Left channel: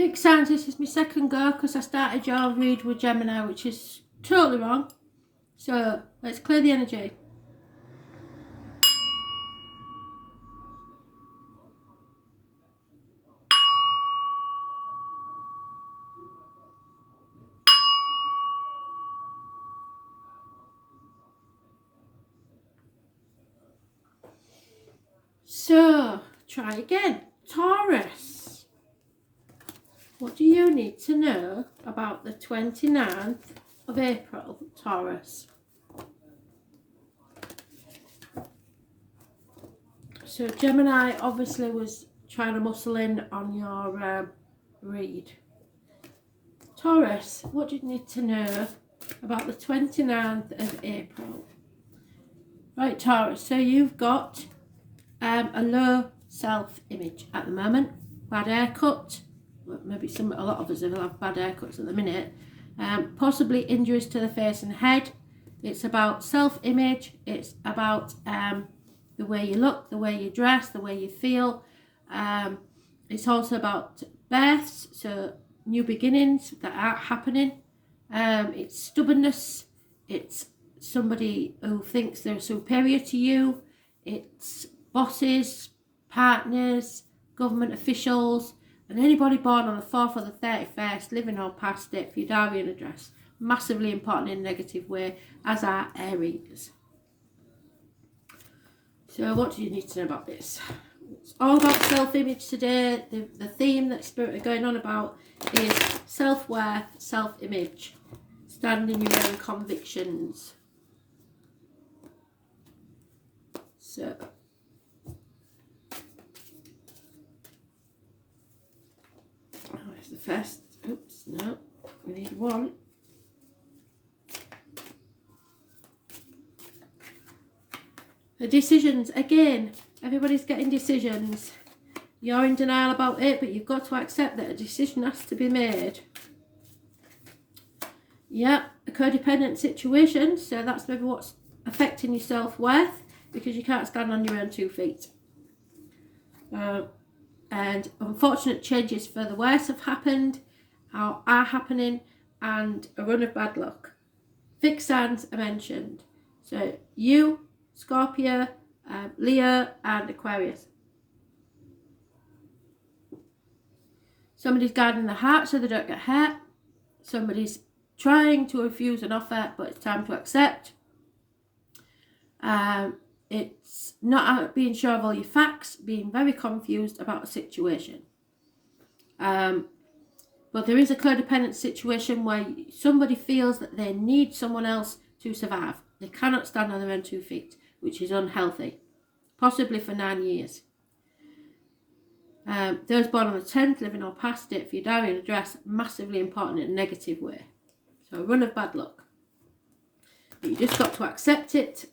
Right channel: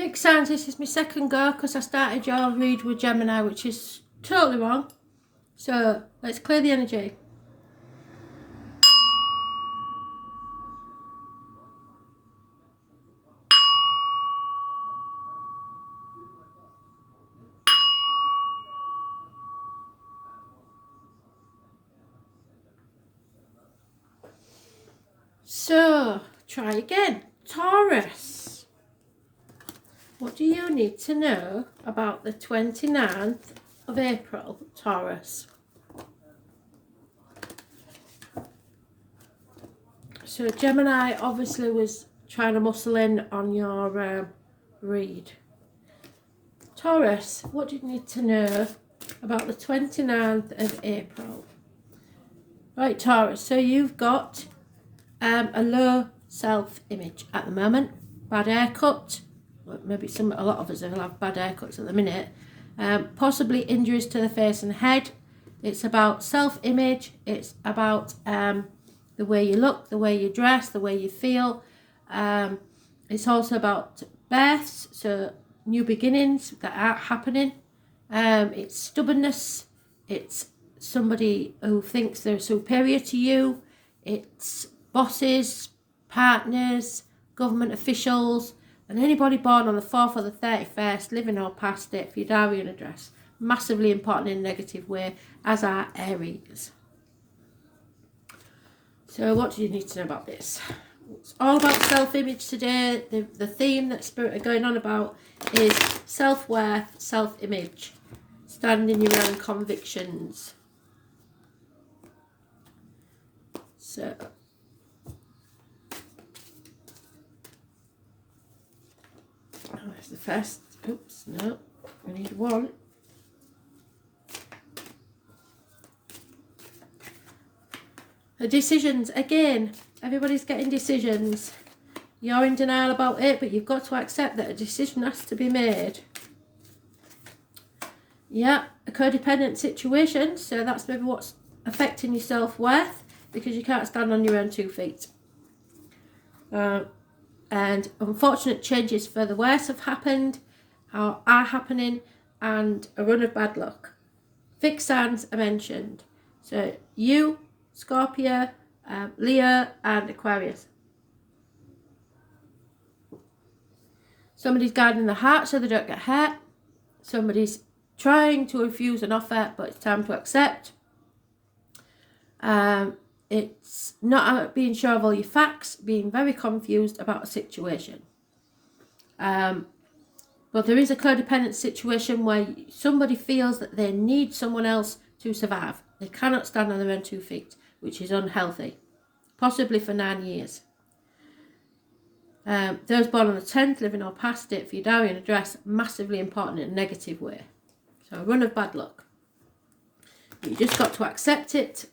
Fixed signs, this is my second go because I started your read with Gemini, which is totally wrong. So let's clear the energy. So try again. Taurus. What do you need to know about the 29th of April, Taurus? So Gemini obviously was trying to muscle in on your read. Taurus, what do you need to know about the 29th of April? Right, Taurus, so you've got a low self-image at the moment. Bad haircut. Maybe a lot of us will have bad haircuts at the minute. Possibly injuries to the face and head. It's about self-image. It's about the way you look, the way you dress, the way you feel. It's also about births, so new beginnings that are happening. It's stubbornness. It's somebody who thinks they're superior to you. It's bosses, partners, government officials, and anybody born on the 4th or the 31st, living or past it, for your diary and address. Massively important in a negative way, as are Aries. So what do you need to know about this? It's all about self-image today. The theme that Spirit are going on about is self-worth, self-image. Stand in your own convictions. So that's the first. Oops, no, we need one. The decisions, again, everybody's getting decisions. You're in denial about it, but you've got to accept that a decision has to be made. Yeah, a codependent situation, so that's maybe what's affecting your self-worth, because you can't stand on your own 2 feet. And unfortunate changes for the worse have happened, are happening, and a run of bad luck. Fixed signs are mentioned. So you, Scorpio, Leo and Aquarius. Somebody's guarding the heart so they don't get hurt. Somebody's trying to refuse an offer, but it's time to accept. It's not being sure of all your facts, being very confused about a situation. But there is a codependent situation where somebody feels that they need someone else to survive. They cannot stand on their own 2 feet, which is unhealthy, possibly for 9 years. Those born on the 10th, living or past it, for your diary and address, massively important in a negative way. So a run of bad luck. But you just got to accept it.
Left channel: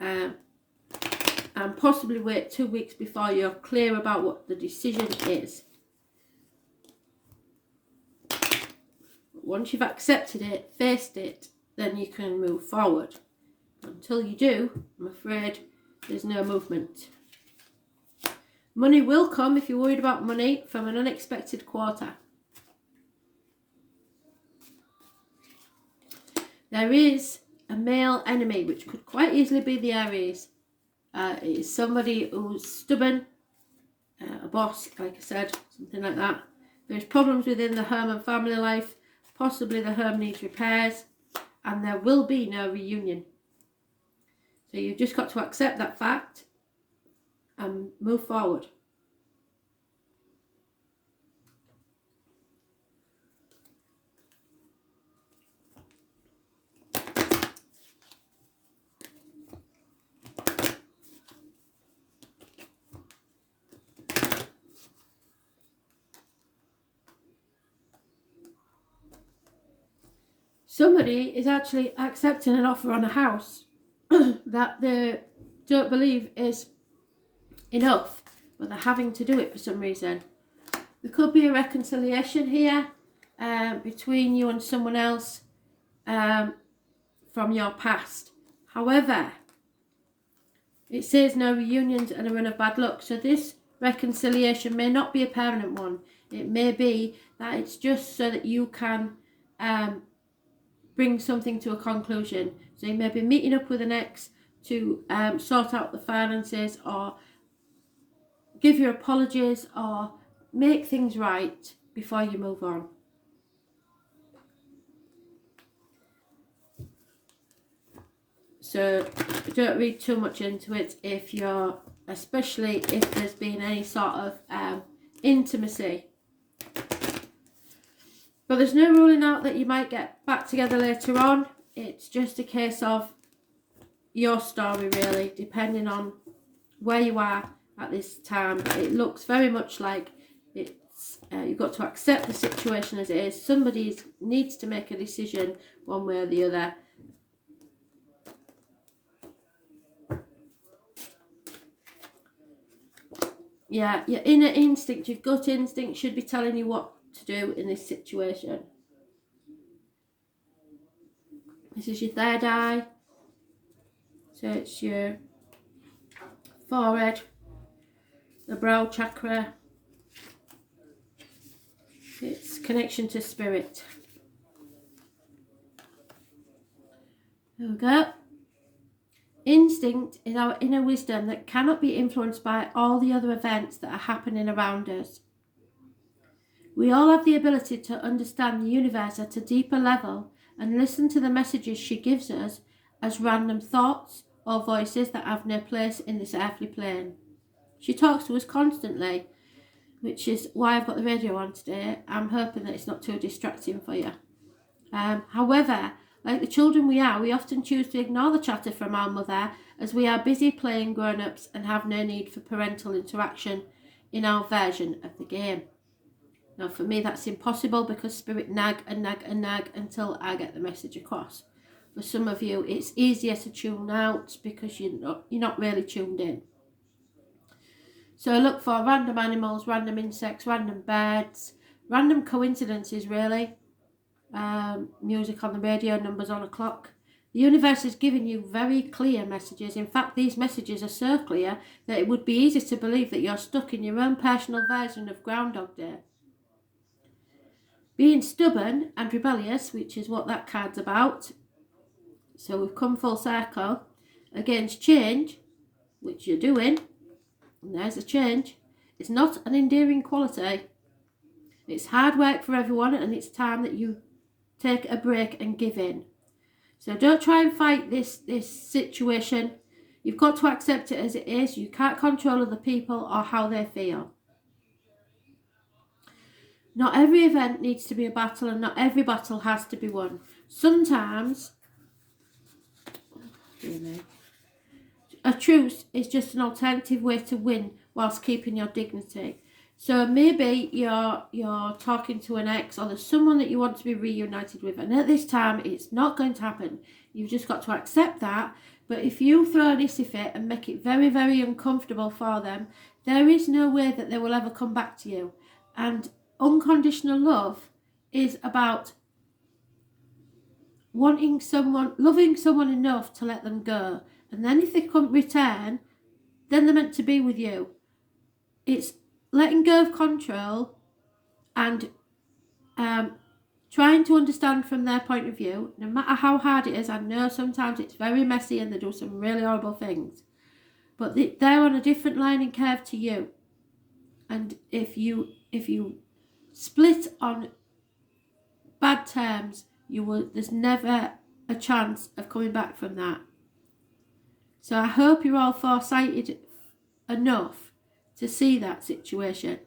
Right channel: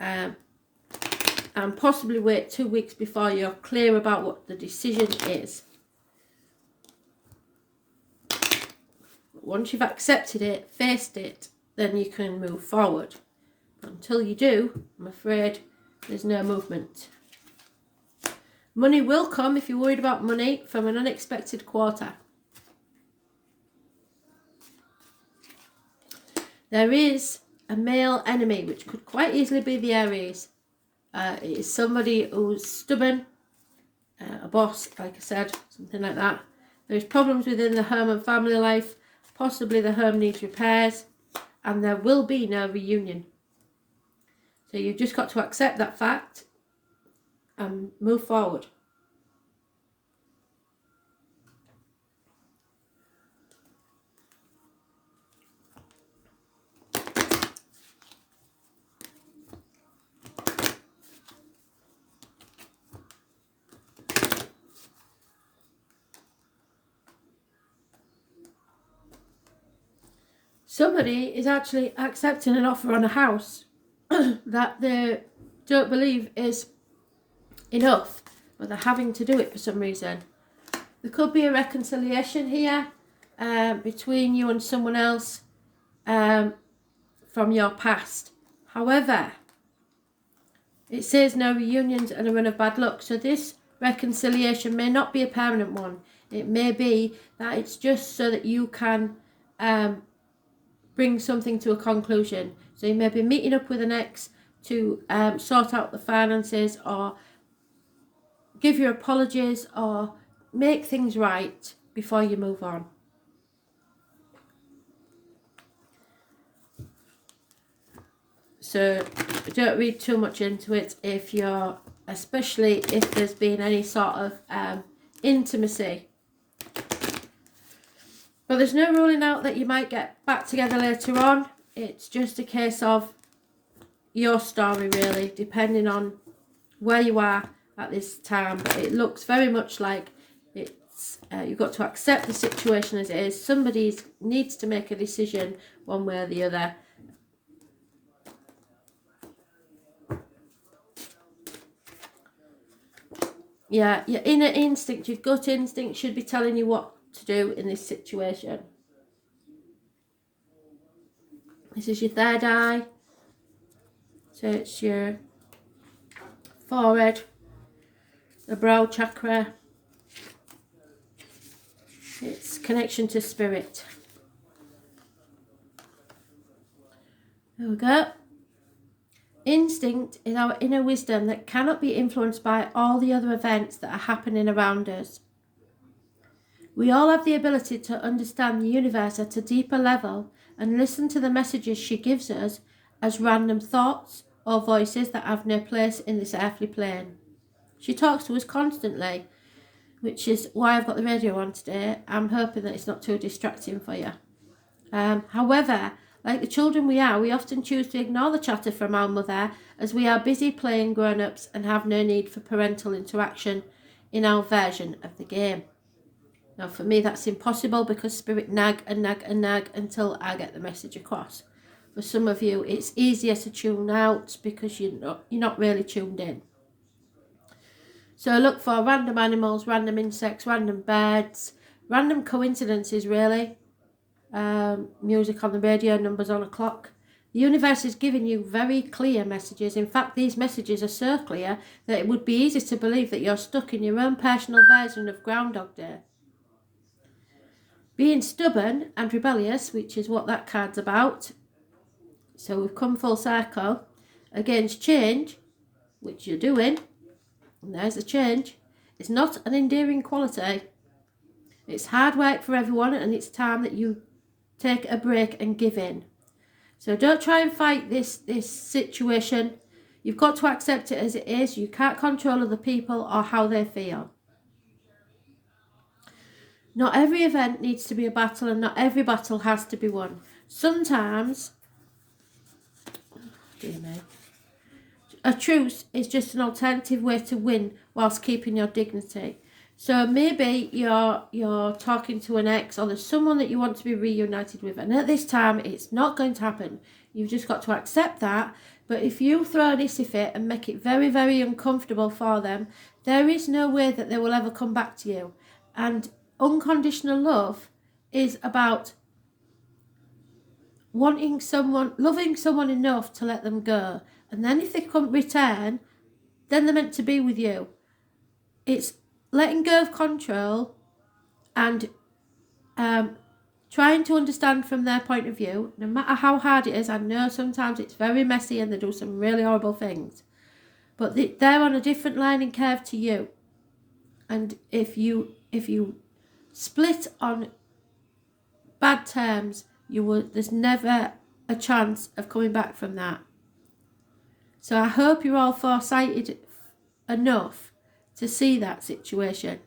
And possibly wait 2 weeks before you're clear about what the decision is. Once you've accepted it, faced it, then you can move forward. Until you do, I'm afraid there's no movement. Money will come if you're worried about money from an unexpected quarter. There is a male enemy, which could quite easily be the Aries. It is somebody who's stubborn, a boss, like I said, something like that. There's problems within the home and family life. Possibly the home needs repairs, and there will be no reunion. So you've just got to accept that fact and move forward. Somebody is actually accepting an offer on a house that they don't believe is enough, but they're having to do it for some reason. There could be a reconciliation here between you and someone else from your past. However, it says no reunions and a run of bad luck. So this reconciliation may not be a permanent one. It may be that it's just so that you can bring something to a conclusion. So you may be meeting up with an ex to sort out the finances, or give your apologies, or make things right before you move on. So don't read too much into it if you're, especially if there's been any sort of intimacy. But there's no ruling out that you might get back together later on. It's just a case of your story, really, depending on where you are at this time. It looks very much like it's you've got to accept the situation as it is. Somebody needs to make a decision one way or the other. Yeah, your inner instinct, your gut instinct should be telling you what to do in this situation. This is your third eye. So it's your forehead, the brow chakra. It's connection to spirit. There we go. Instinct is our inner wisdom that cannot be influenced by all the other events that are happening around us. We all have the ability to understand the universe at a deeper level and listen to the messages she gives us as random thoughts or voices that have no place in this earthly plane. She talks to us constantly, which is why I've got the radio on today. I'm hoping that it's not too distracting for you. However, like the children we are, we often choose to ignore the chatter from our mother as we are busy playing grown-ups and have no need for parental interaction in our version of the game. Now, for me, that's impossible because spirit nag and nag and nag until I get the message across. For some of you, it's easier to tune out because you're not really tuned in. So look for random animals, random insects, random birds, random coincidences, really. Music on the radio, numbers on a clock. The universe is giving you very clear messages. In fact, these messages are so clear that it would be easy to believe that you're stuck in your own personal version of Groundhog Day. Being stubborn and rebellious, which is what that card's about. So we've come full circle. Against change, which you're doing, and there's a change. It's not an endearing quality. It's hard work for everyone, and it's time that you take a break and give in. So don't try and fight this situation. You've got to accept it as it is. You can't control other people or how they feel. Not every event needs to be a battle, and not every battle has to be won. Sometimes, a truce is just an alternative way to win whilst keeping your dignity. So maybe you're talking to an ex, or there's someone that you want to be reunited with, and at this time it's not going to happen. You've just got to accept that. But if you throw an hissy fit and make it very, very uncomfortable for them, there is no way that they will ever come back to you. And unconditional love is about loving someone enough to let them go. And then if they can't return, then they're meant to be with you. It's letting go of control and trying to understand from their point of view, no matter how hard it is. I know sometimes it's very messy and they do some really horrible things, but they're on a different learning curve to you. And if you split on bad terms, there's never a chance of coming back from that. So I hope you're all foresighted enough to see that situation.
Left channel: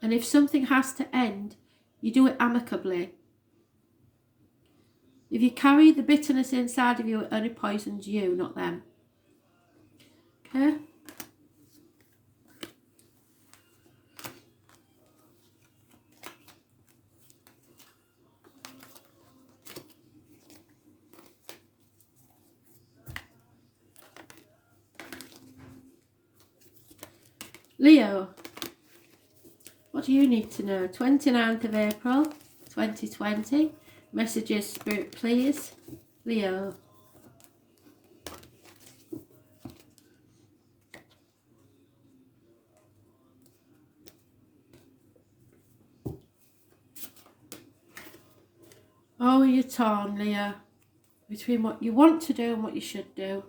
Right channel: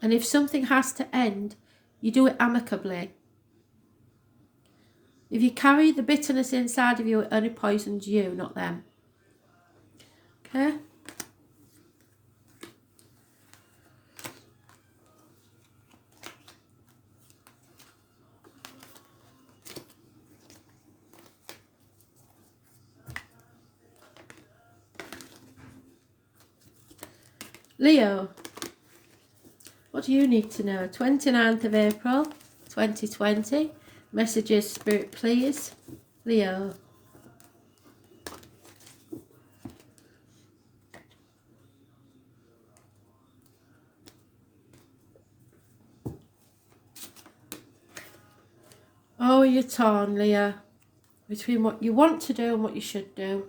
And if something has to end, you do it amicably. If you carry the bitterness inside of you, it only poisons you, not them. Okay? Leo, what do you need to know? 29th of April 2020. Messages, Spirit, please. Leo. Oh, you're torn, Leo, between what you want to do and what you should do.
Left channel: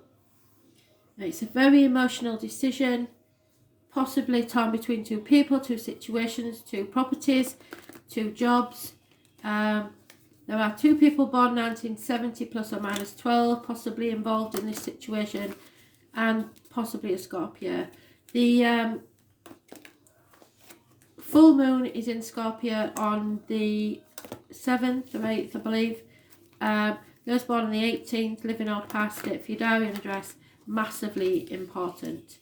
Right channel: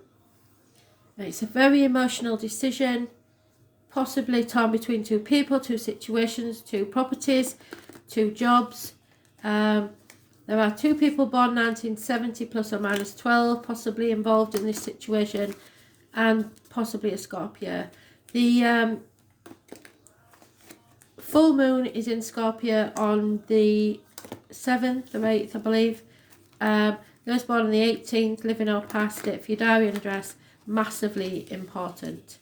It's a very emotional decision, possibly torn between two people, two situations, two properties, two jobs. There are two people born 1970 plus or minus 12 possibly involved in this situation, and possibly a Scorpio. The full moon is in Scorpio on the 7th or 8th, I believe. Those born on the 18th, living or past it, for your diary and address, massively important.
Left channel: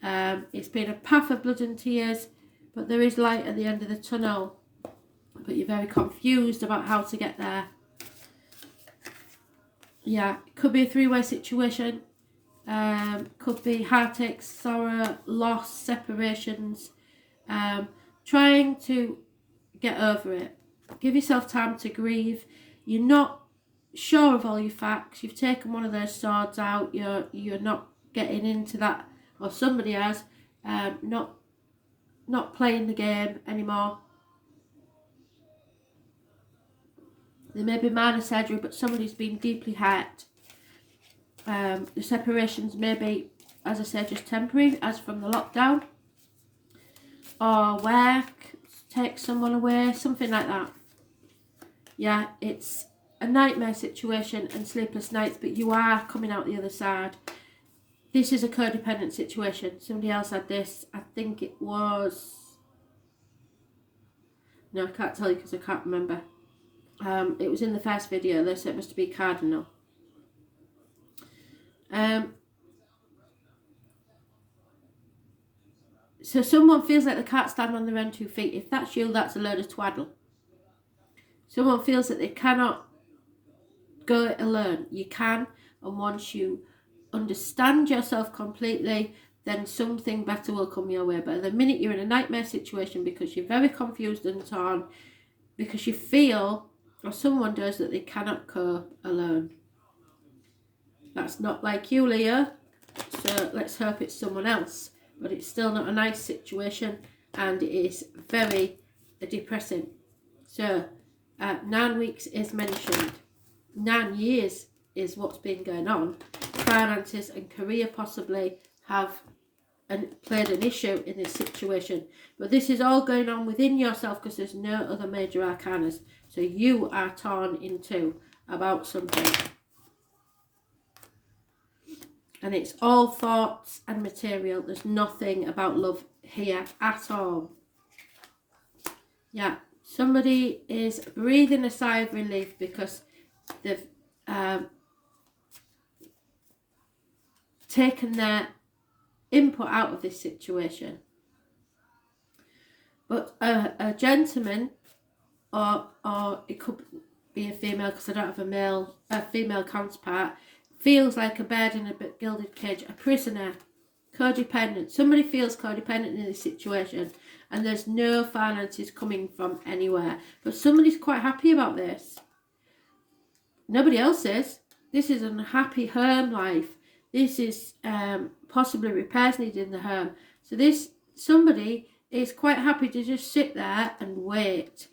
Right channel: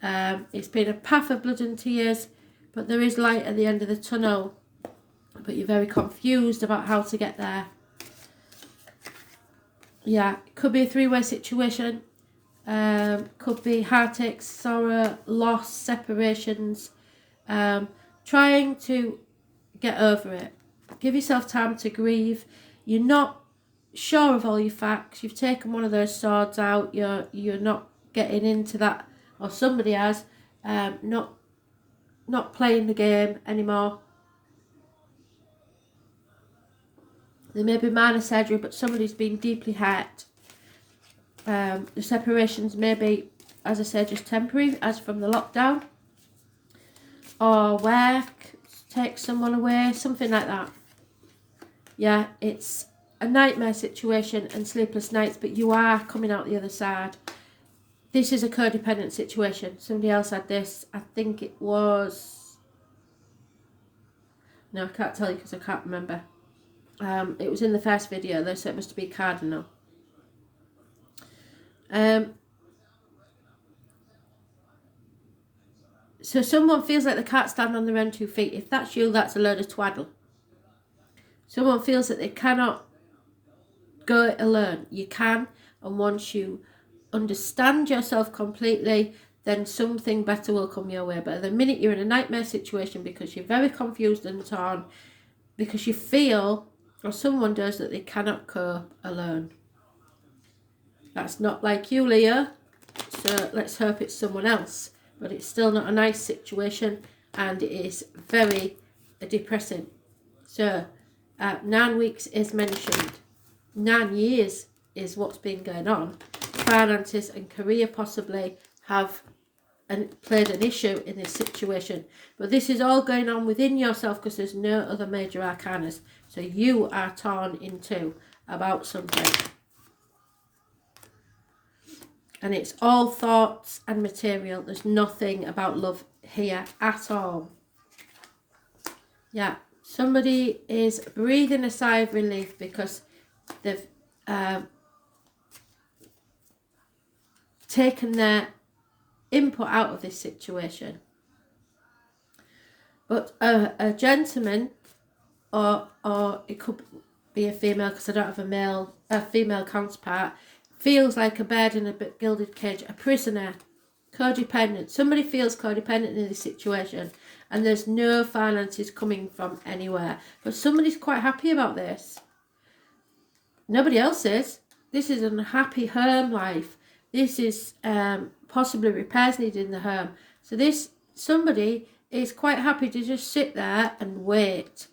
It's been a path of blood and tears, but there is light at the end of the tunnel. But you're very confused about how to get there. Yeah, it could be a three-way situation. Could be heartache, sorrow, loss, separations. Trying to get over it. Give yourself time to grieve. You're not sure of all your facts. You've taken one of those swords out. You're not getting into that, or somebody has. Not playing the game anymore. There may be minor surgery, but somebody's been deeply hurt. The separations may be, as I said, just temporary, as from the lockdown. Or work, take someone away, something like that. Yeah, it's a nightmare situation and sleepless nights, but you are coming out the other side. This is a codependent situation. Somebody else had this. I think it was... No, I can't tell you because I can't remember. It was in the first video. They said it must be cardinal. So someone feels like they can't stand on their own 2 feet. If that's you, that's a load of twaddle. Someone feels that they cannot go it alone. You can, and once you understand yourself completely, then something better will come your way. But at the minute you're in a nightmare situation because you're very confused and torn, because you feel, or someone does, that they cannot cope alone. That's not like you, Leo, so let's hope it's someone else. But it's still not a nice situation, and it is very depressing. So 9 weeks is mentioned. 9 years is what's been going on. Finances and career possibly have played an issue in this situation. But this is all going on within yourself because there's no other major arcanas. So you are torn in two about something. And it's all thoughts and material. There's nothing about love here at all. Yeah, somebody is breathing a sigh of relief because they've taken their input out of this situation. But a gentleman, or it could be a female because I don't have a female counterpart, feels like a bird in a gilded cage, a prisoner, codependent. Somebody feels codependent in this situation, and there's no finances coming from anywhere. But somebody's quite happy about this. Nobody else is. This is a happy home life. This is possibly repairs needed in the home. So somebody is quite happy to just sit there and wait.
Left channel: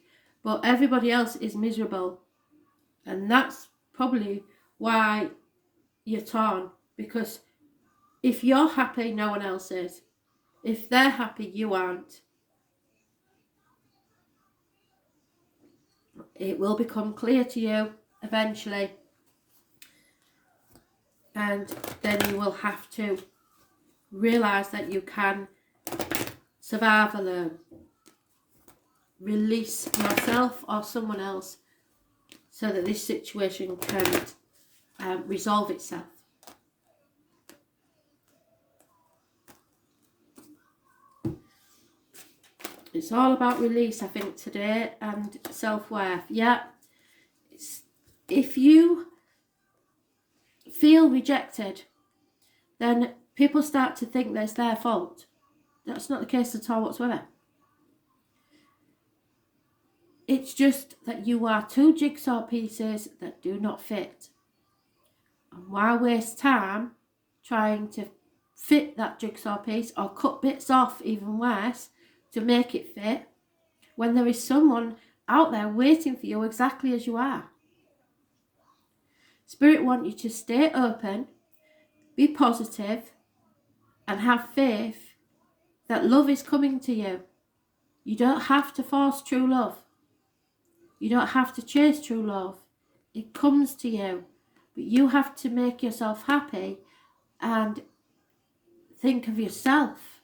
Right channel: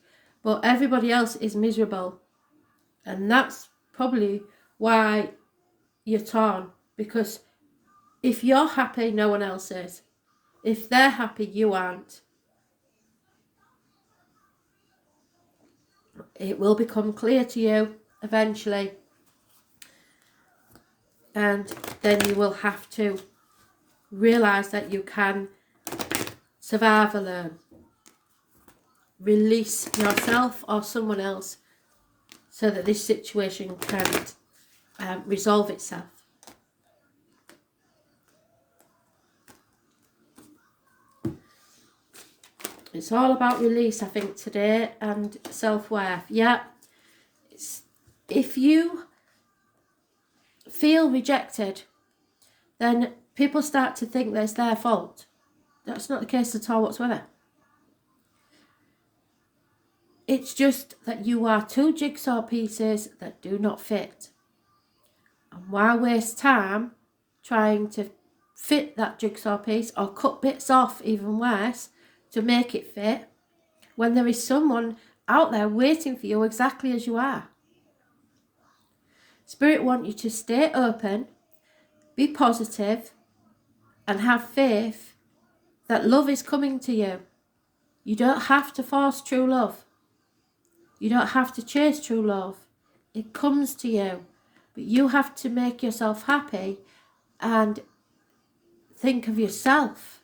But everybody else is miserable. And that's probably why you're torn, because if you're happy, no one else is. If they're happy, you aren't. It will become clear to you eventually, and then you will have to realise that you can survive alone. Release yourself or someone else so that this situation can resolve itself. It's all about release, I think, today, and self-worth. Yeah, if you feel rejected, then people start to think that's their fault. That's not the case at all whatsoever. It's just that you are two jigsaw pieces that do not fit. And why waste time trying to fit that jigsaw piece, or cut bits off, even worse, to make it fit, when there is someone out there waiting for you exactly as you are? Spirit want you to stay open, be positive, and have faith that love is coming to you. You don't have to force true love. You don't have to chase true love. It comes to you. But you have to make yourself happy and think of yourself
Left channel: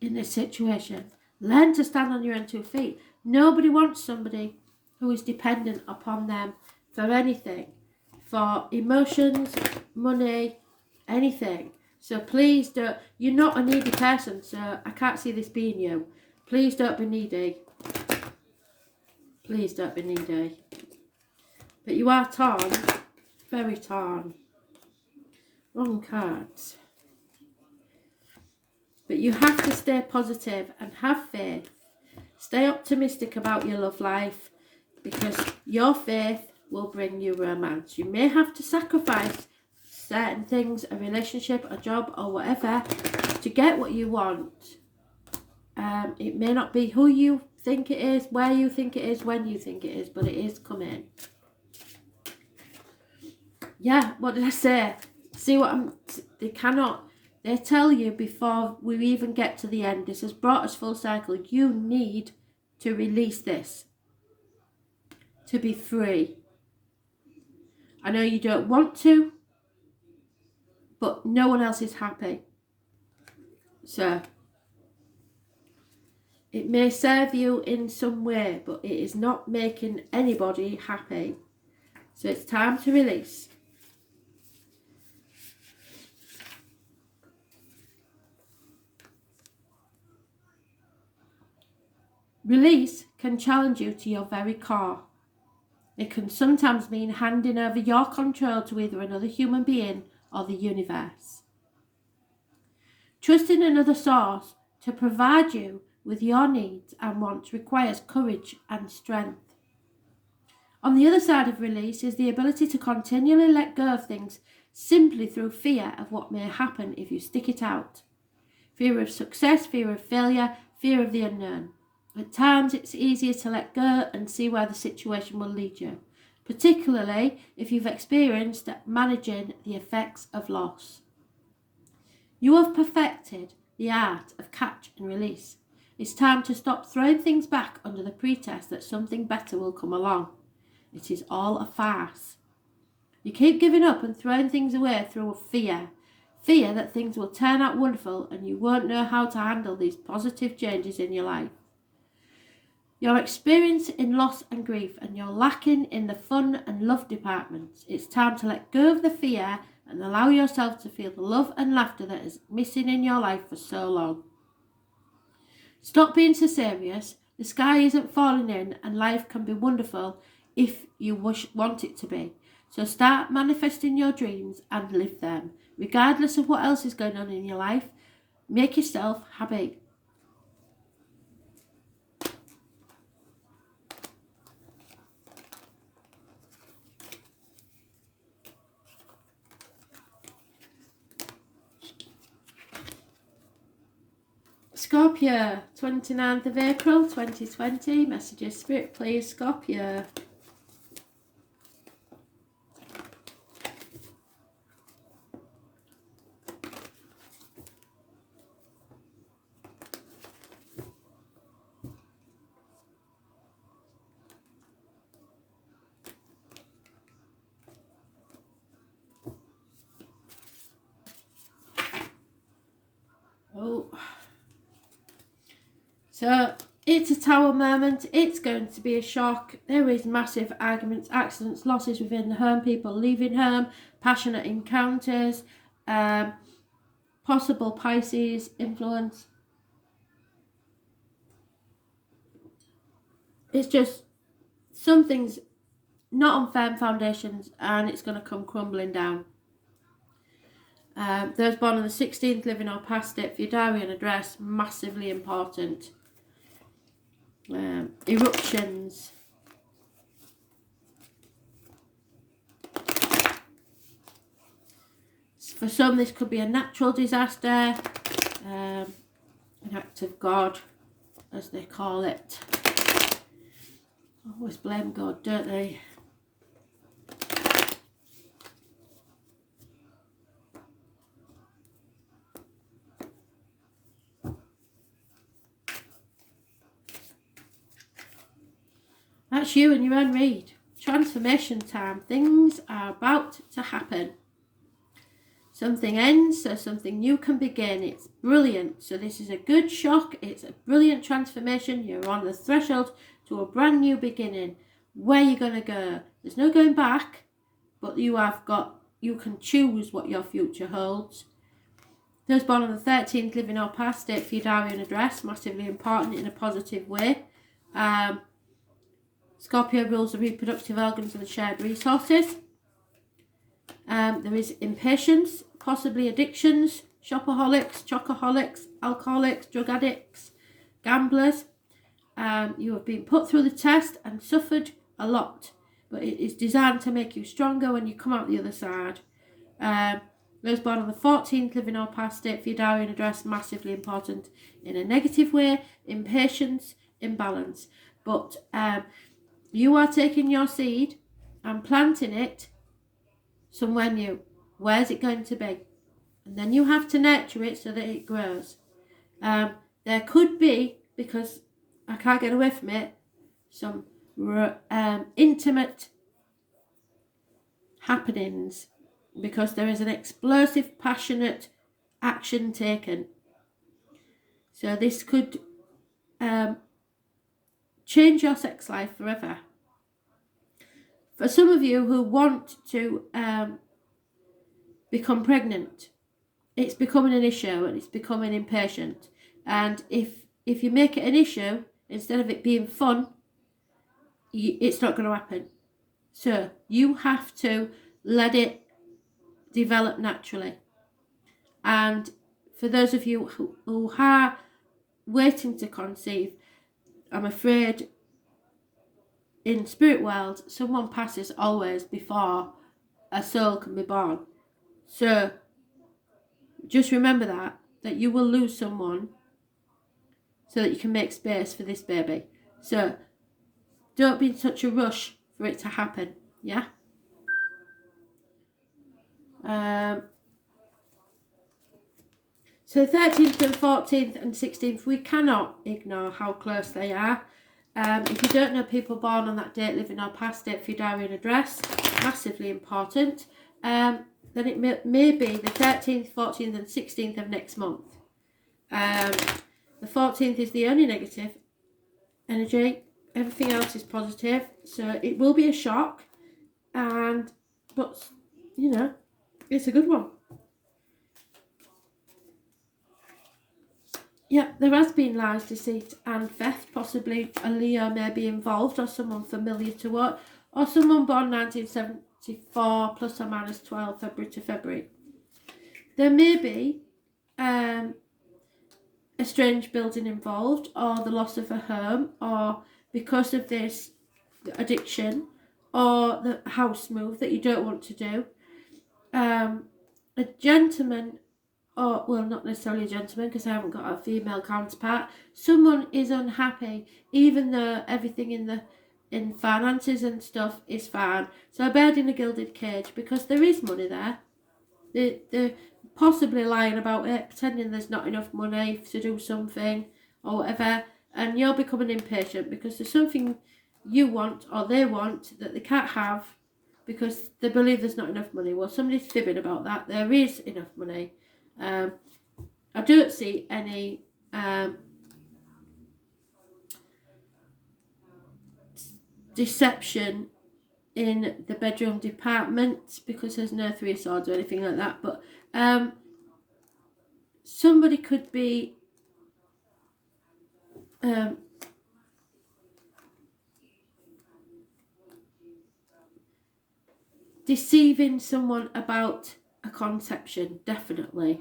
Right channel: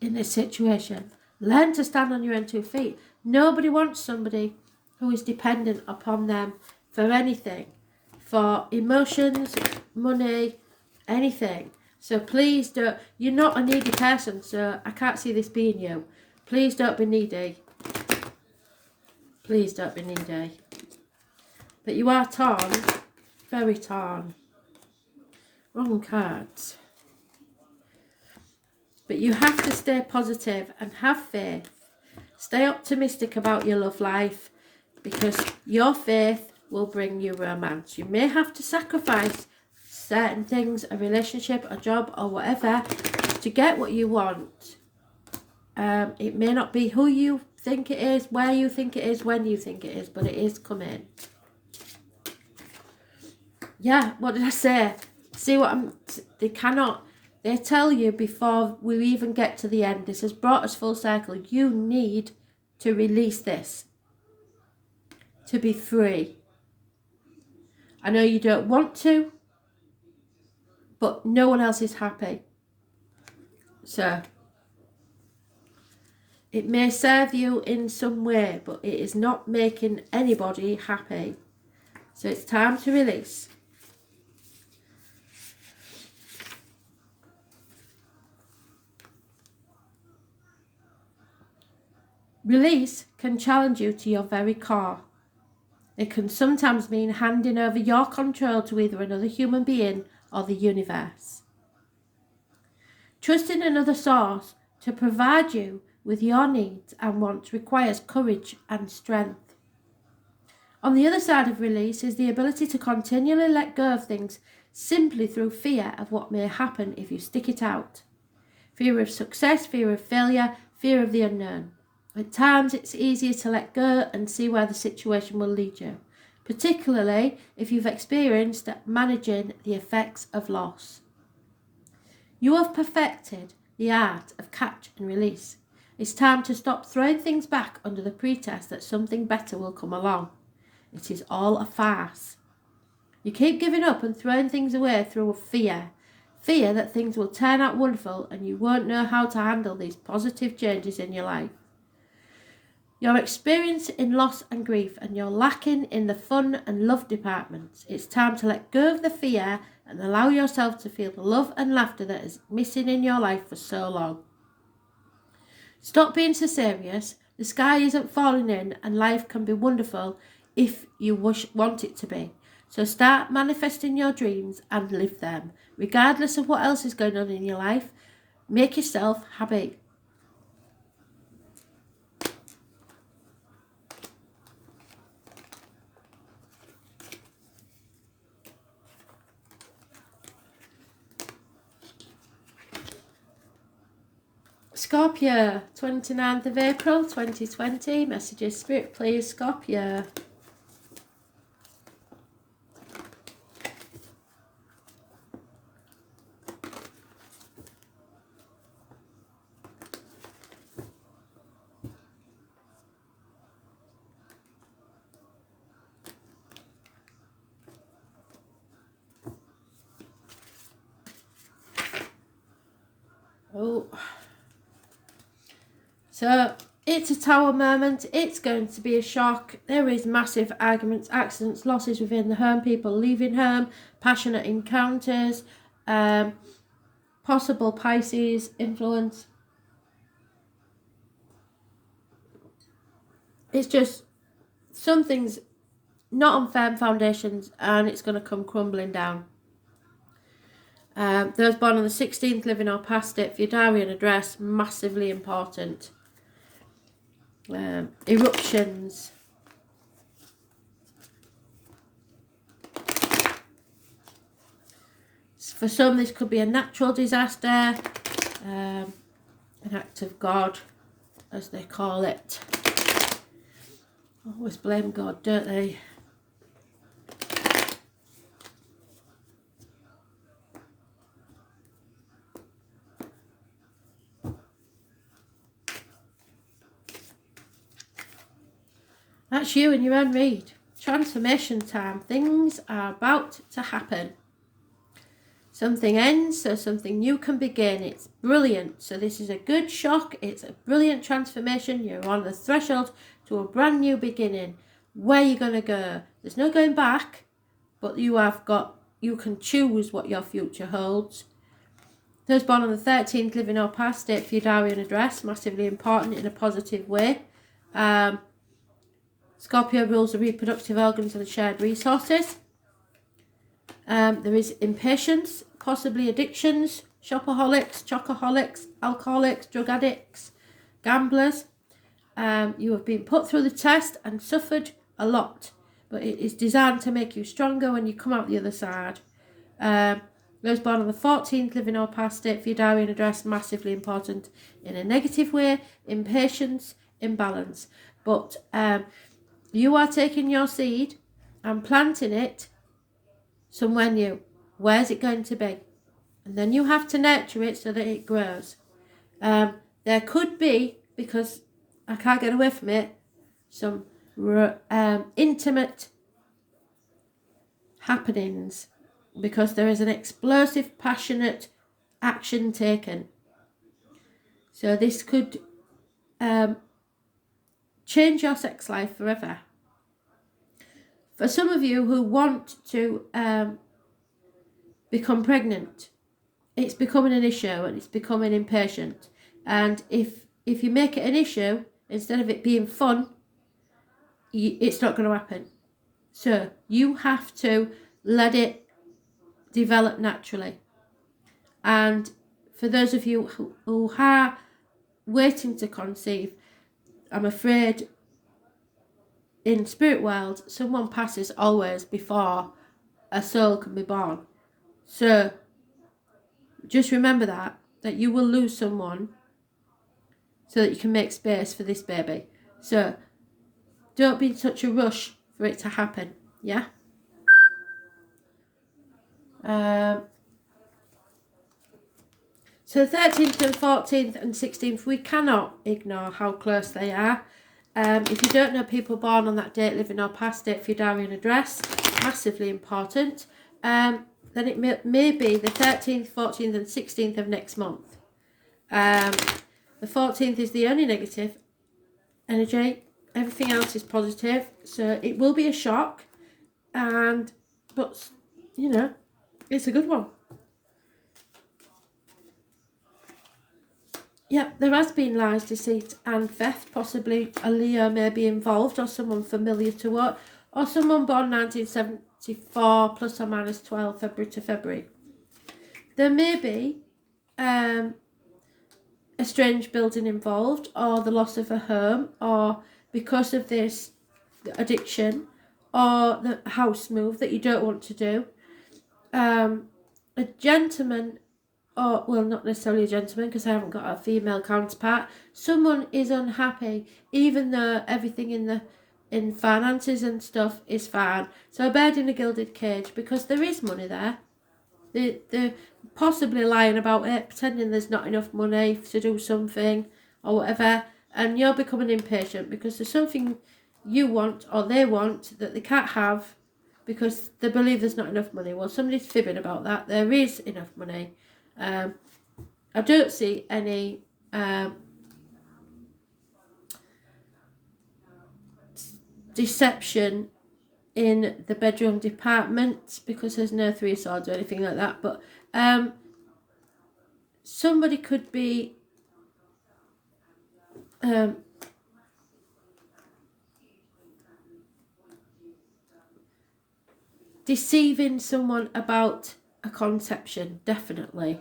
in this situation. Learn to stand on your own 2 feet. Nobody wants somebody who is dependent upon them for anything, for emotions, money, anything. So please don't, you're not a needy person, so I can't see this being you. Please don't be needy. Please don't be needy. But you are torn, very torn. Wrong cards. But you have to stay positive and have faith. Stay optimistic about your love life, because your faith will bring you romance. You may have to sacrifice certain things, a relationship, a job, or whatever, to get what you want. It may not be who you think it is, where you think it is, when you think it is, but it is coming. Yeah, what did I say? See what they tell you before we even get to the end. This has brought us full circle. You need to release this to be free. I know you don't want to, but no one else is happy. So it may serve you in some way, but it is not making anybody happy. So it's time to release. Release can challenge you to your very core. It can sometimes mean handing over your control to either another human being or the universe. Trusting another source to provide you with your needs and wants requires courage and strength. On the other side of release is the ability to continually let go of things simply through fear of what may happen if you stick it out. Fear of success, fear of failure, fear of the unknown. At times it's easier to let go and see where the situation will lead you, particularly if you've experienced managing the effects of loss. You have perfected the art of catch and release. It's time to stop throwing things back under the pretext that something better will come along. It is all a farce. You keep giving up and throwing things away through fear. Fear that things will turn out wonderful and you won't know how to handle these positive changes in your life. You're experiencing loss and grief and you're lacking in the fun and love departments. It's time to let go of the fear and allow yourself to feel the love and laughter that is missing in your life for so long. Stop being so serious. The sky isn't falling in and life can be wonderful if you want it to be. So start manifesting your dreams and live them. Regardless of what else is going on in your life, make yourself happy. Scorpio, 29th of April 2020. Messages, Spirit, please, Scorpio. Oh. So, it's a tower moment. It's going to be a shock. There is massive arguments, accidents, losses within the home, people leaving home, passionate encounters, possible Pisces influence. It's just something's not on firm foundations and it's going to come crumbling down. Those born on the 16th, living or past it, for your diary and address, massively important. Eruptions. For some, this could be a natural disaster, an act of God, as they call it. Always blame God, don't they? That's you and your own read. Transformation time. Things are about to happen. Something ends so something new can begin. It's brilliant. So this is a good shock. It's a brilliant transformation. You're on the threshold to a brand new beginning. Where are you going to go? There's no going back, but you can choose what your future holds. Those born on the 13th, living or past, state for your diary and address. Massively important in a positive way. Scorpio rules the reproductive organs and shared resources. There is impatience, possibly addictions, shopaholics, chocoholics, alcoholics, drug addicts, gamblers. You have been put through the test and suffered a lot, but it is designed to make you stronger when you come out the other side. Those born on the 14th, living or past, state for your diary and address, massively important in a negative way. Impatience, imbalance. But you are taking your seed and planting it somewhere new. Where's it going to be? And then you have to nurture it so that it grows. There could be, because I can't get away from it, some intimate happenings, because there is an explosive, passionate action taken. So this could change your sex life forever. For some of you who want to become pregnant, it's becoming an issue and it's becoming impatient. And if you make it an issue, instead of it being fun, it's not going to happen. So you have to let it develop naturally. And for those of you who are waiting to conceive, I'm afraid in spirit world, someone passes always before a soul can be born. So just remember that you will lose someone so that you can make space for this baby. So don't be in such a rush for it to happen, yeah? So 13th and 14th and 16th, we cannot ignore how close they are. If you don't know people born on that date, living or past, date for your diary and address, massively important. Then it may be the 13th, 14th and 16th of next month. The 14th is the only negative energy. Everything else is positive. So it will be a shock. But, you know, it's a good one. Yep, there has been lies, deceit and theft. Possibly a Leo may be involved, or someone familiar to what, or someone born 1974 plus or minus 12 February to February. There may be a strange building involved, or the loss of a home, or because of this addiction, or the house move that you don't want to do. A gentleman, or well, not necessarily a gentleman because I haven't got a female counterpart. Someone is unhappy even though everything in finances and stuff is fine. So a bird in a gilded cage, because there is money there. They're possibly lying about it, pretending there's not enough money to do something or whatever, and you're becoming impatient because there's something you want or they want that they can't have because they believe there's not enough money. Well, somebody's fibbing about that. There is enough money. I don't see any deception in the bedroom department because there's no three of swords or anything like that, but somebody could be deceiving someone about a conception, definitely.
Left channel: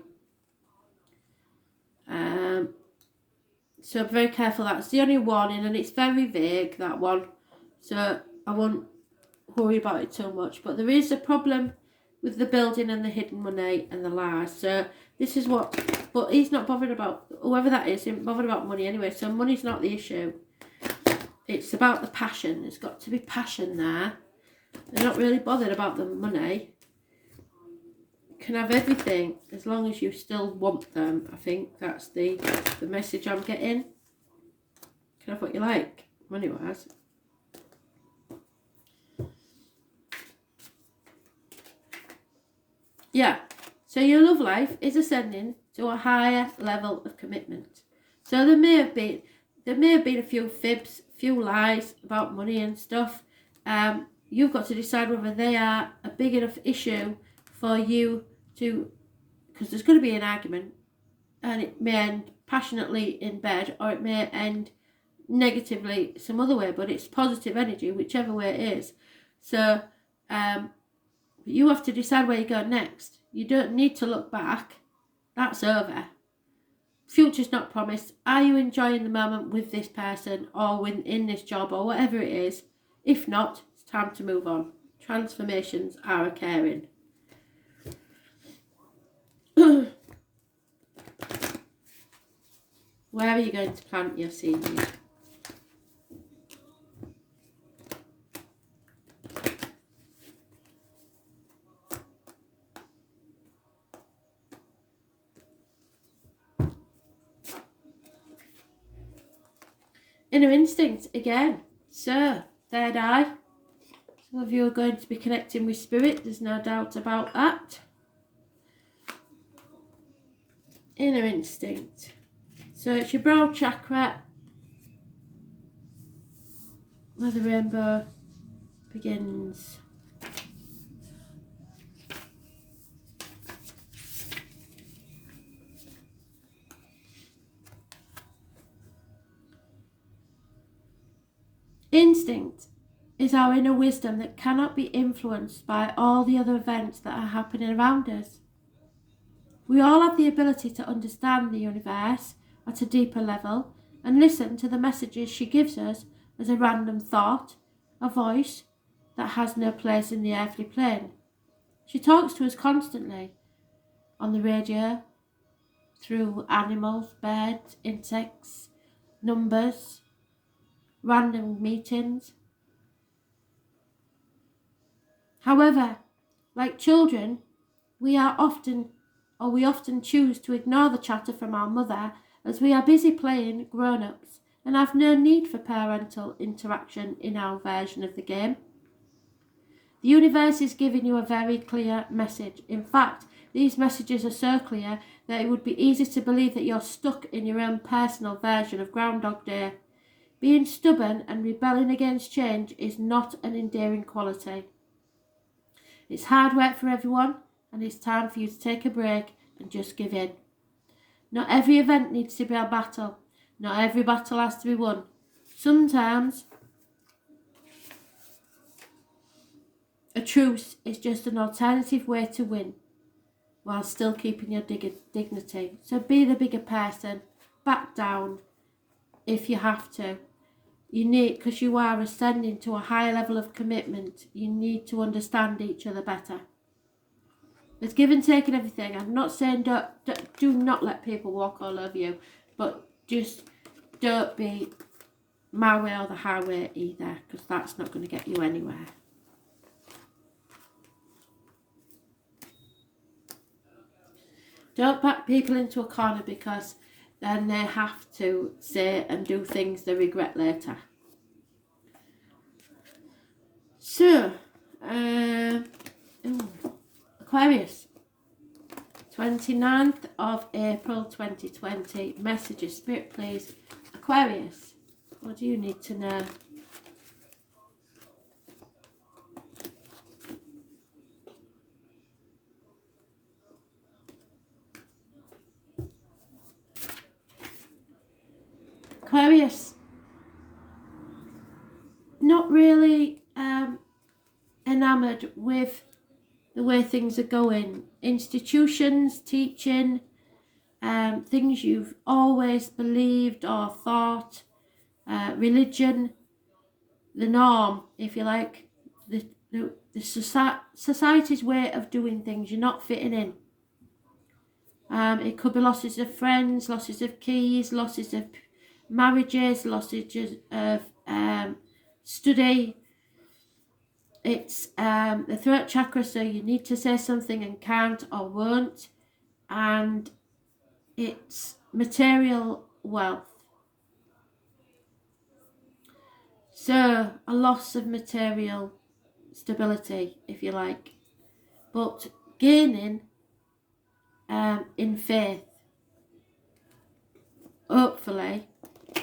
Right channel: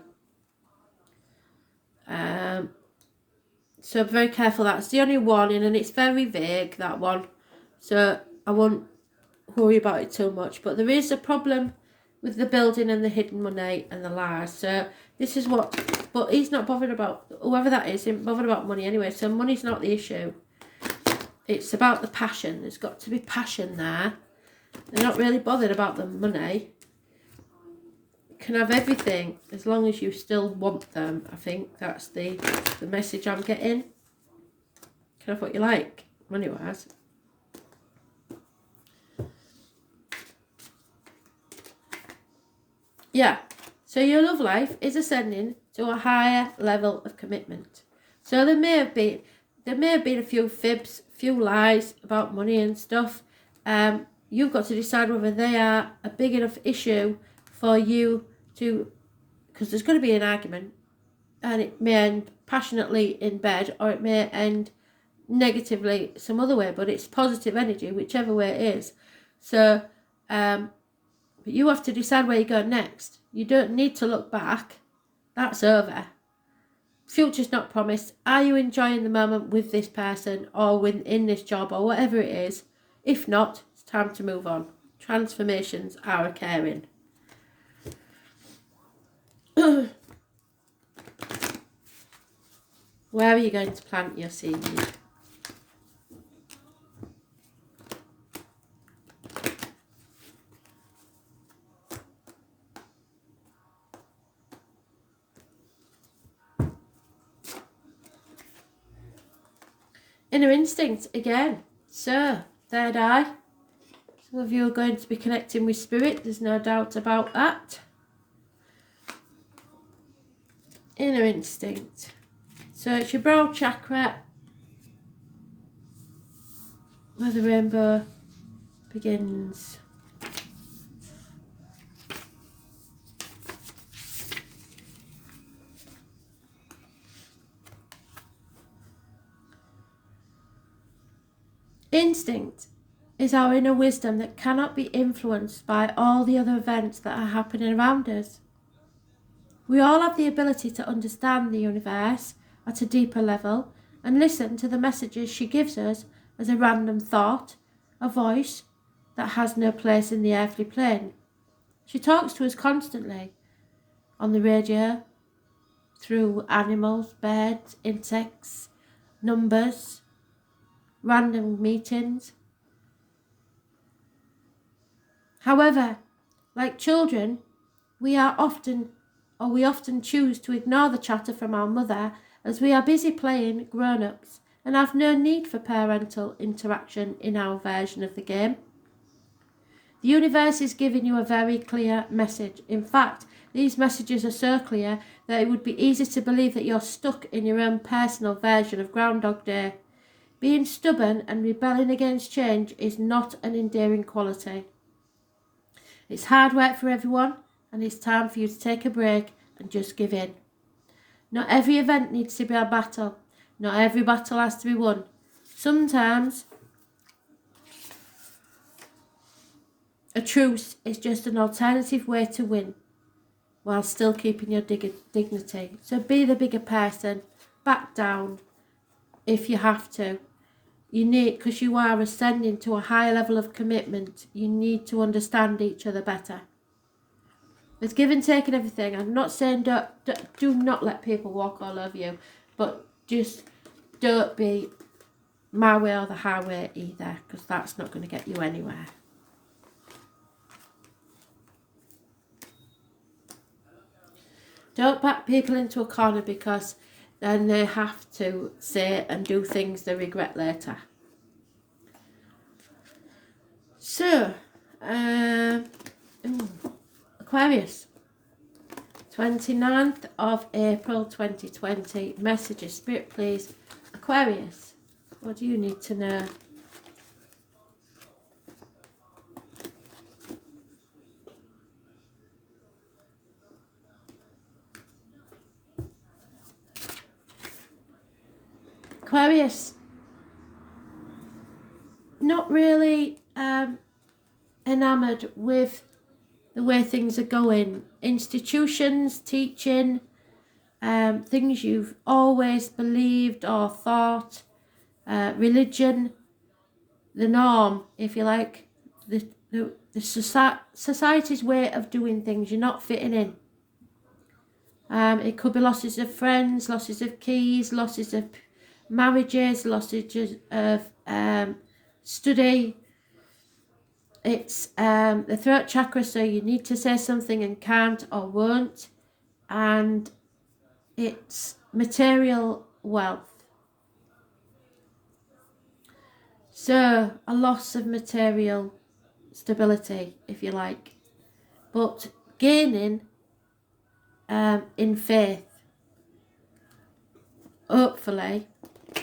So be very careful. That's the only warning, and it's very vague, that one, so I won't worry about it too much. But there is a problem with the building and the hidden money and the lies. So this is what, but he's not bothered about, whoever that is, isn't bothered about money anyway. So money's not the issue. It's about the passion. There's got to be passion there. They're not really bothered about the money. You can have everything as long as you still want them. I think that's the message I'm getting. You can have what you like, money-wise. Yeah. So your love life is ascending to a higher level of commitment. So there may have been a few fibs, few lies about money and stuff. You've got to decide whether they are a big enough issue for you to, because there's going to be an argument, and it may end passionately in bed, or it may end negatively some other way, but it's positive energy whichever way it is. So you have to decide where you go next. You don't need to look back. That's over. Future's not promised. Are you enjoying the moment with this person or in this job or whatever it is? If not, it's time to move on. Transformations are occurring. Where are you going to plant your seed? Inner instinct again. So, third eye. Some of you are going to be connecting with spirit. There's no doubt about that. Inner instinct. So it's your brow chakra, where the rainbow begins. Instinct is our inner wisdom that cannot be influenced by all the other events that are happening around us. We all have the ability to understand the universe at a deeper level and listen to the messages she gives us as a random thought, a voice that has no place in the earthly plane. She talks to us constantly, on the radio, through animals, birds, insects, numbers, random meetings. However, like children, we often choose to ignore the chatter from our mother as we are busy playing grown-ups and have no need for parental interaction in our version of the game. The universe is giving you a very clear message. In fact, these messages are so clear that it would be easy to believe that you're stuck in your own personal version of Groundhog Day. Being stubborn and rebelling against change is not an endearing quality. It's hard work for everyone, and it's time for you to take a break and just give in. Not every event needs to be a battle. Not every battle has to be won. Sometimes a truce is just an alternative way to win while still keeping your dignity. So be the bigger person. Back down if you have to. You need, because you are ascending to a higher level of commitment, you need to understand each other better. There's give and take and everything. I'm not saying do not let people walk all over you, but just don't be my way or the highway either, because that's not going to get you anywhere. Don't back people into a corner because then they have to say and do things they regret later. So, Aquarius, 29th of April 2020. Messages, Spirit please. Aquarius, what do you need to know? Aquarius, not really enamoured with the way things are going. Institutions, teaching, things you've always believed or thought, religion, the norm, if you like, the society's way of doing things. You're not fitting in. It could be losses of friends, losses of keys, losses of marriages, losses of study. It's the throat chakra, so you need to say something and can't or won't. And it's material wealth. So a loss of material stability, if you like. But gaining in faith, hopefully,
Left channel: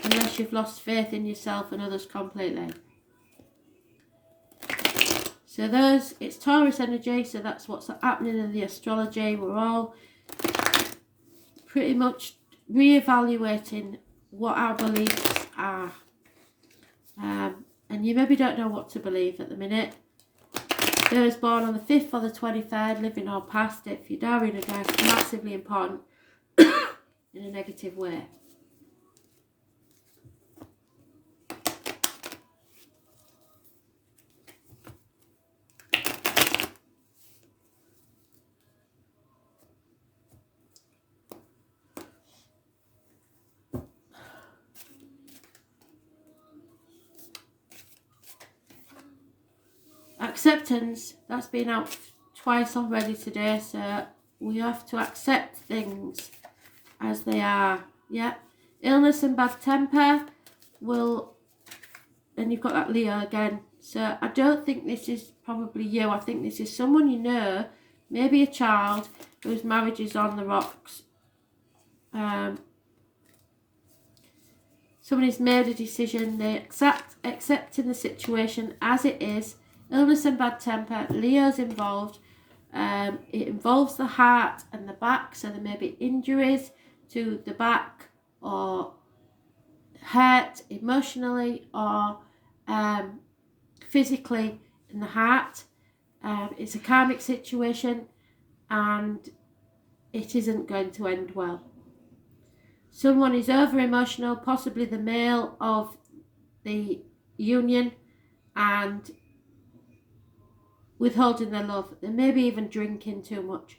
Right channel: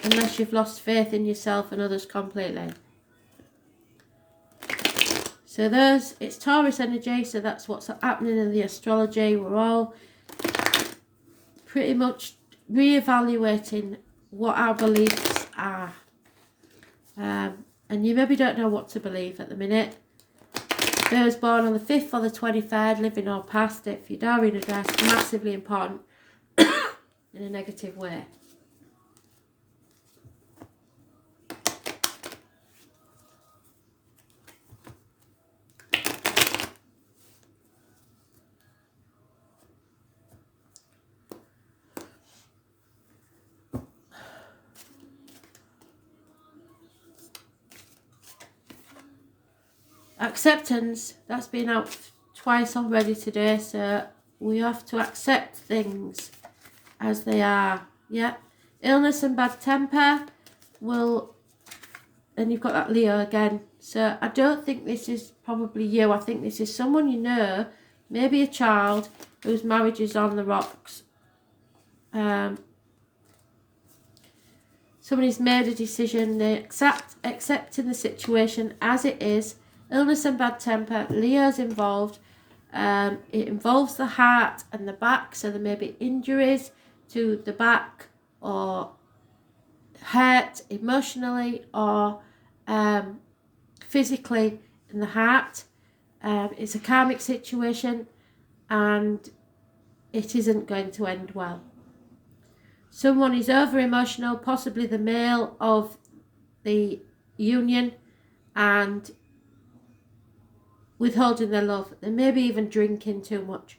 unless you've lost faith in yourself and others completely. So it's Taurus energy, so that's what's happening in the astrology. We're all pretty much re-evaluating what our beliefs are. And you maybe don't know what to believe at the minute. Those born on the 5th or the 23rd, living or past, if you die in a day, it's massively important in a negative way. Acceptance, that's been out twice already today, so we have to accept things as they are. Yeah, illness and bad temper will, and you've got that Leo again, so I don't think this is probably you. I think this is someone you know, maybe a child whose marriage is on the rocks. Somebody's made a decision, they accepting the situation as it is. Illness and bad temper, Leo's involved. It involves the heart and the back, so there may be injuries to the back or hurt emotionally or physically in the heart. It's a karmic situation and it isn't going to end well. Someone is over emotional, possibly the male of the union, and withholding their love. They may be even drinking too much.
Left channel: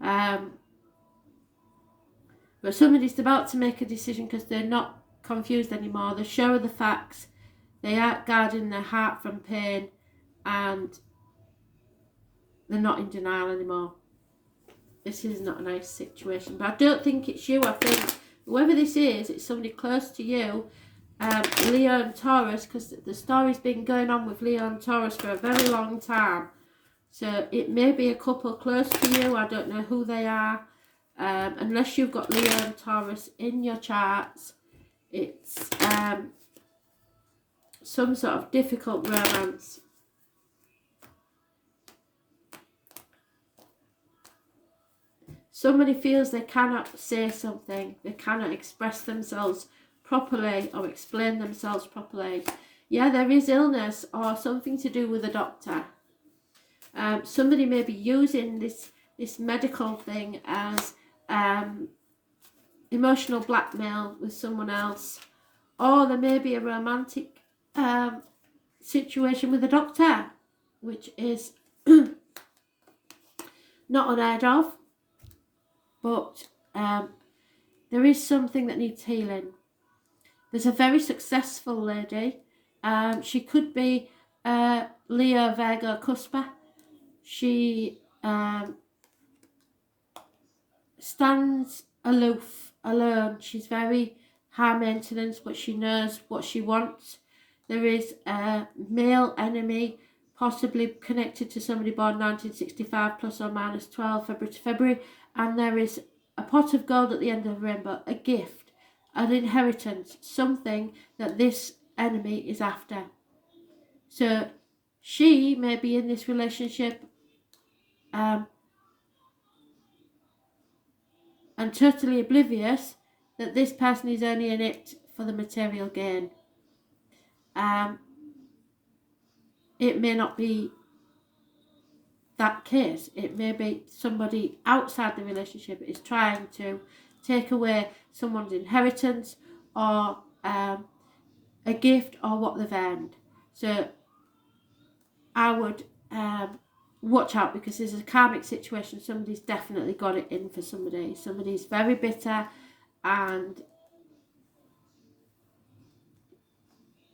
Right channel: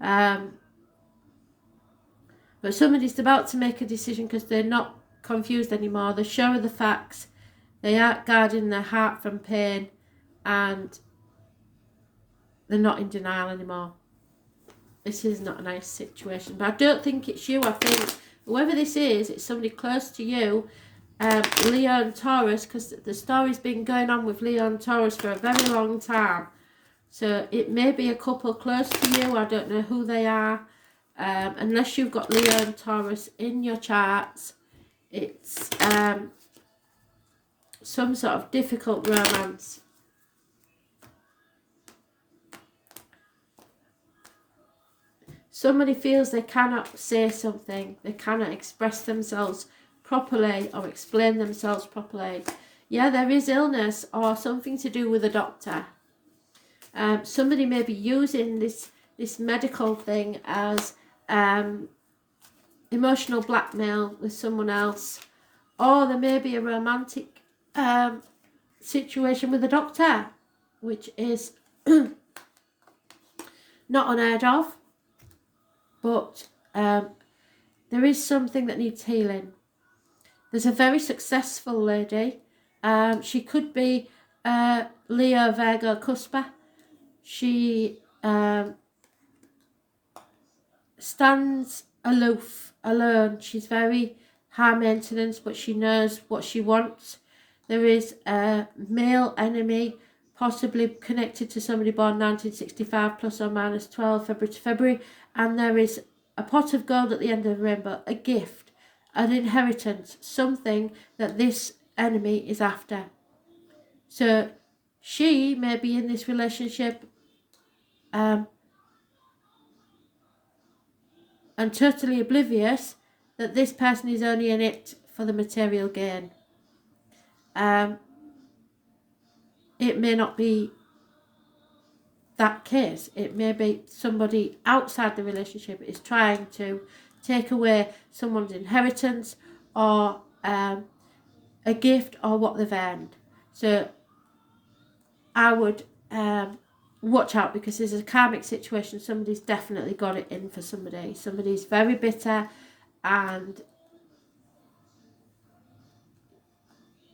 But somebody's about to make a decision because they're not confused anymore. They're sure of the facts. They are guarding their heart from pain and they're not in denial anymore. This is not a nice situation. But I don't think it's you. I think whoever this is, it's somebody close to you. Leo and Taurus, because the story's been going on with Leo and Taurus for a very long time. So it may be a couple close to you. I don't know who they are. Unless you've got Leo and Taurus in your charts, it's some sort of difficult romance. Somebody feels they cannot say something, they cannot express themselves properly or explain themselves properly. Yeah, there is illness or something to do with a doctor. Somebody may be using this medical thing as emotional blackmail with someone else, or there may be a romantic situation with a doctor, which is not unheard of, but there is something that needs healing. There's a very successful lady. She could be Leo, Virgo, Cuspa. She stands aloof, alone. She's very high maintenance, but she knows what she wants. There is a male enemy, possibly connected to somebody born 1965, plus or minus 12 February to February. And there is a pot of gold at the end of the rainbow, a gift, an inheritance, something that this enemy is after. So she may be in this relationship and totally oblivious that this person is only in it for the material gain. It may not be that case. It may be somebody outside the relationship is trying to take away someone's inheritance or a gift or what they've earned. So I would watch out, because there's a karmic situation. Somebody's definitely got it in for somebody. Somebody's very bitter and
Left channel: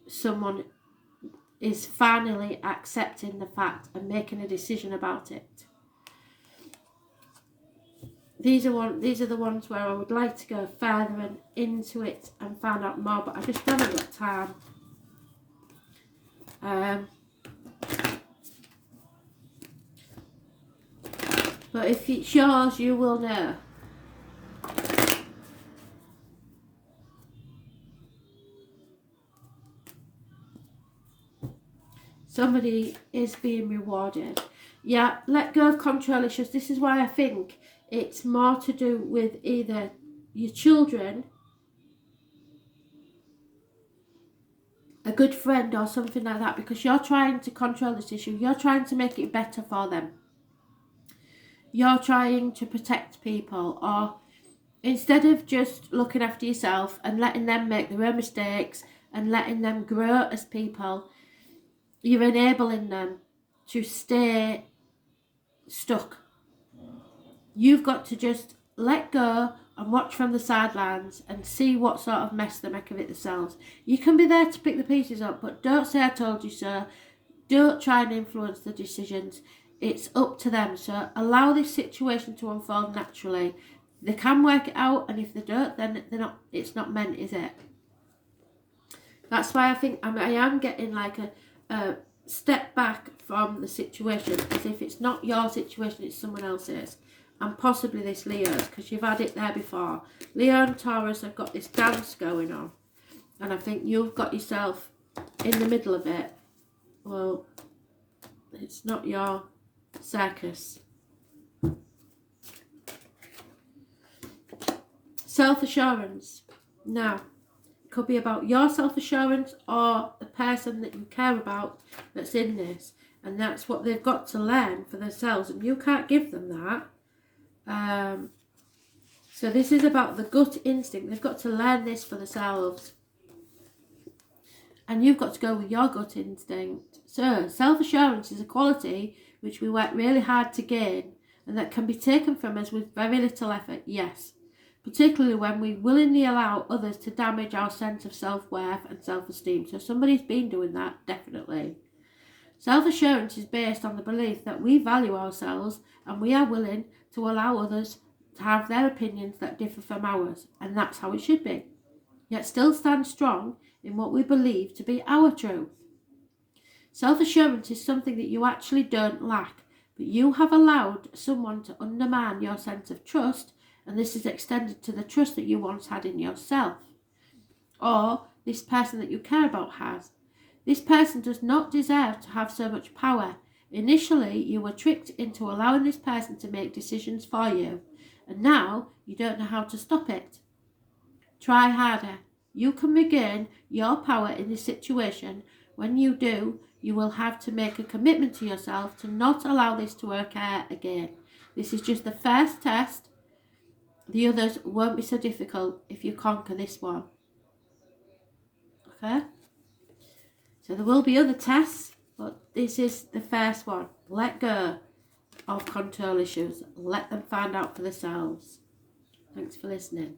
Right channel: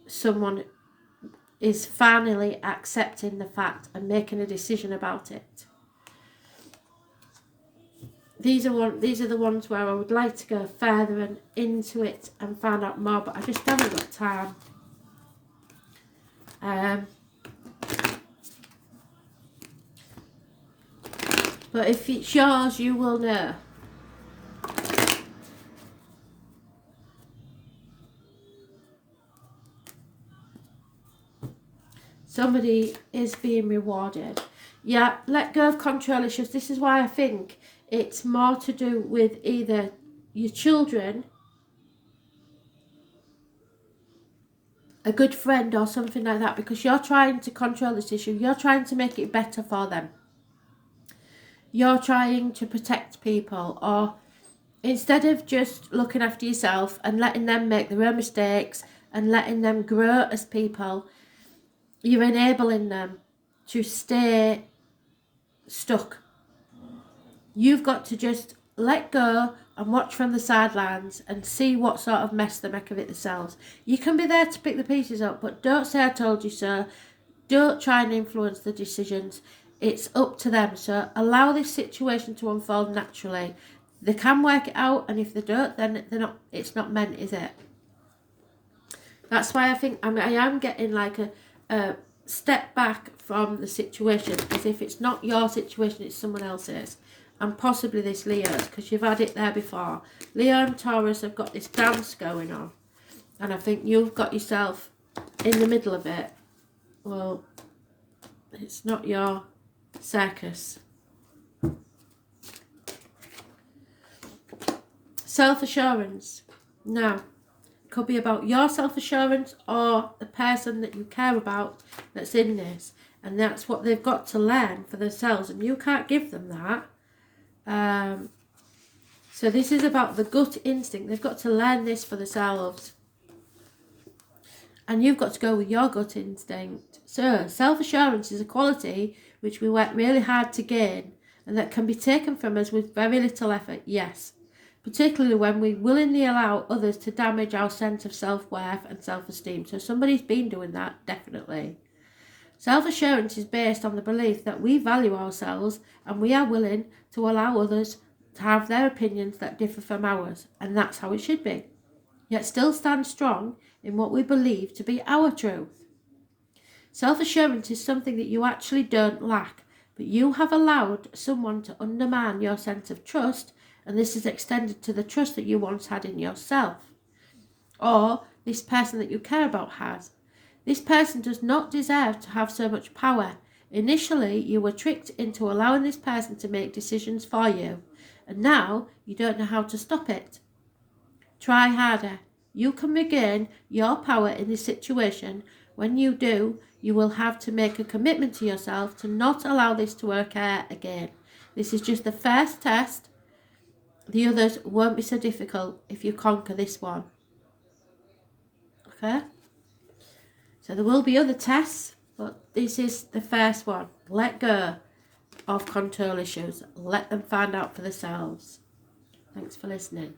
someone is finally accepting the fact and making a decision about it. These are the ones where I would like to go further and into it and find out more, but I just haven't got time. But if it's yours, you will know. Somebody is being rewarded. Yeah, let go of control issues. This is why I think it's more to do with either your children, a good friend or something like that, because you're trying to control this issue. You're trying to make it better for them. You're trying to protect people, or instead of just looking after yourself and letting them make their own mistakes and letting them grow as people, you're enabling them to stay stuck. You've got to just let go and watch from the sidelines and see what sort of mess they make of it themselves. You can be there to pick the pieces up, but don't say I told you so. Don't try and influence the decisions. It's up to them. So allow this situation to unfold naturally. They can work it out, and if they don't, then they're not. It's not meant, is it? That's why I think I am getting like a step back from the situation, as if it's not your situation, it's someone else's. And possibly this Leo's, because you've had it there before. Leo and Taurus have got this dance going on, and I think you've got yourself in the middle of it. Well, it's not your circus. Self-assurance. Now, it could be about your self-assurance or the person that you care about that's in this. And that's what they've got to learn for themselves, and you can't give them that. So this is about the gut instinct. They've got to learn this for themselves. And you've got to go with your gut instinct. So self-assurance is a quality which we work really hard to gain, and that can be taken from us with very little effort, yes. Particularly when we willingly allow others to damage our sense of self-worth and self-esteem. So somebody's been doing that, definitely. Self-assurance is based on the belief that we value ourselves and we are willing to allow others to have their opinions that differ from ours, and that's how it should be. Yet still stand strong in what we believe to be our truth. Self-assurance is something that you actually don't lack, but you have allowed someone to undermine your sense of trust, and this is extended to the trust that you once had in yourself, or this person that you care about has. This person does not deserve to have so much power. Initially, you were tricked into allowing this person to make decisions for you, and now you don't know how to stop it. Try harder. You can regain your power in this situation. When you do, you will have to make a commitment to yourself to not allow this to occur again. This is just the first test. The others won't be so difficult if you conquer this one. Okay? So there will be other tests, but this is the first one. Let go of control issues. Let them find out for themselves. Thanks for listening.